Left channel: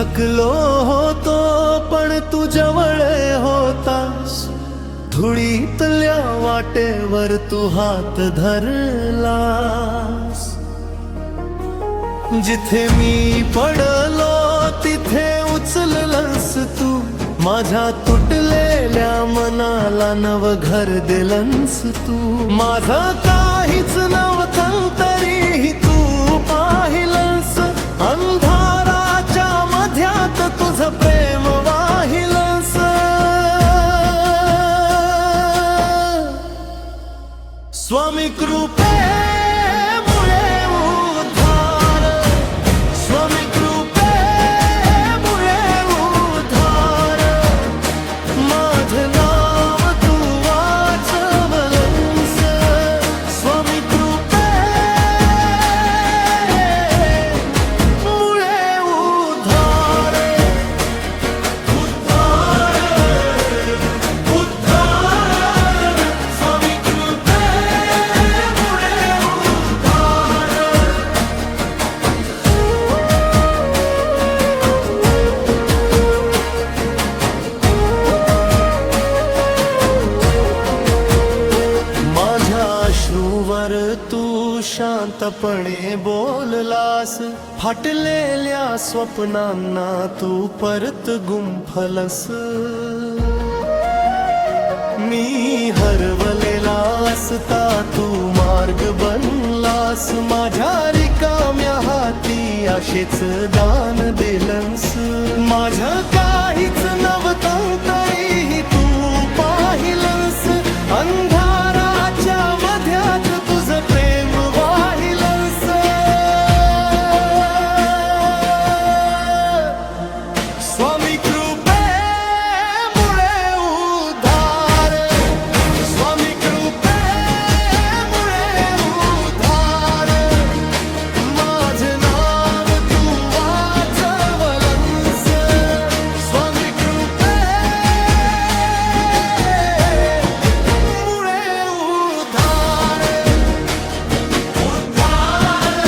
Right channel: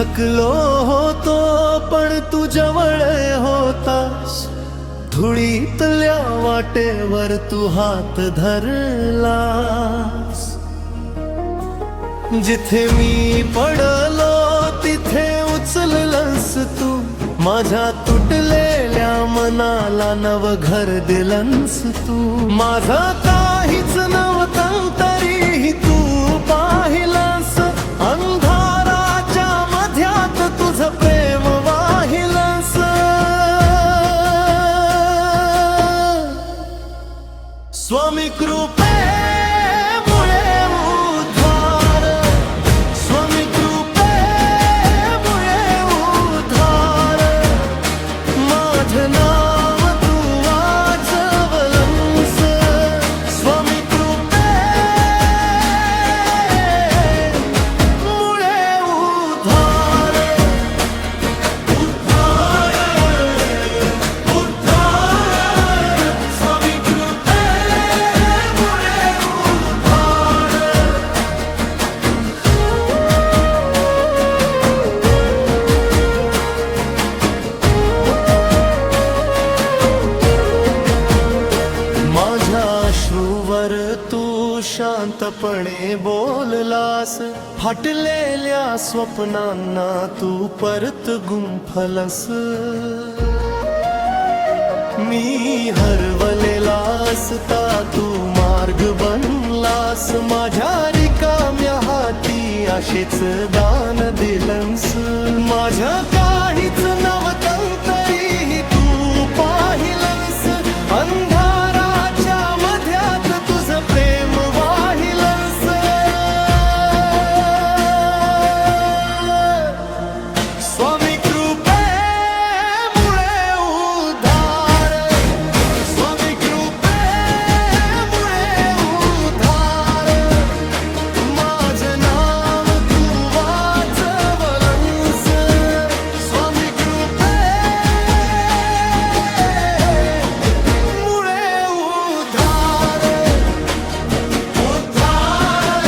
थकलो होतो पण तू जवळ होतास, धुळीतल्या वाटेवर तू हात धरलास। जिथे मी पडलो तिथे उचललंस तू, माझ्या तुटलेल्या मनाला नव घर दिलंस तू। माझं काहीच नव्हतं तरीही तू पाहिलंस, अंधाराच्या मध्यात तुझं प्रेम वाहिलंस। स्वामी कृपेमुळे उद्धार, स्वामी कृपेमुळे उद्धार, माझं नाव तू वाचवलंस। स्वामी कृपेमुळे उद्धार, उद्धार, उद्धार, स्वामी कृपेमुळे उद्धार। माझ्या अश्रूवर तू शांतपणे बोललास, फाटलेल्या स्वप्नांना तू परत गुंफलस। मी हरवलेला असता तू मार्ग बनलास, माझ्या रिकाम्या हाती आशेच दान दिलंस। माझं काहीच नव्हतं तरीही तू पाहिलंस, अंधाराच्या मध्यात तुझं प्रेम वाहिलंस। स्वामी कृपेमुळे उद्धार, स्वामी कृपेमुळे उद्धार, माझं नाव तू वाचवलंस। स्वामी कृपेमुळे उद्धार, उद्धार,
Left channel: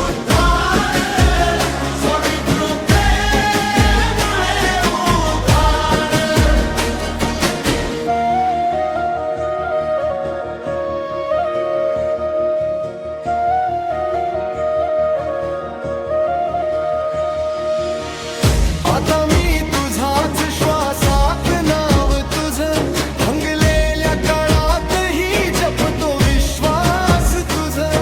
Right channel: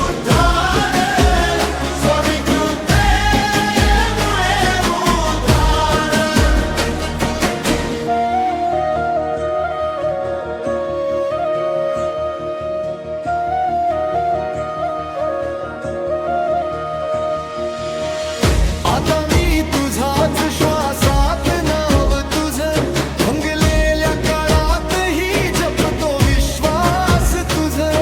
उद्धार, स्वामी कृपेमुळे उद्धार। आता मी तुझाच श्वासात नाव तुझं, हंगलेल्या काळातही जपतो विश्वास तुझं।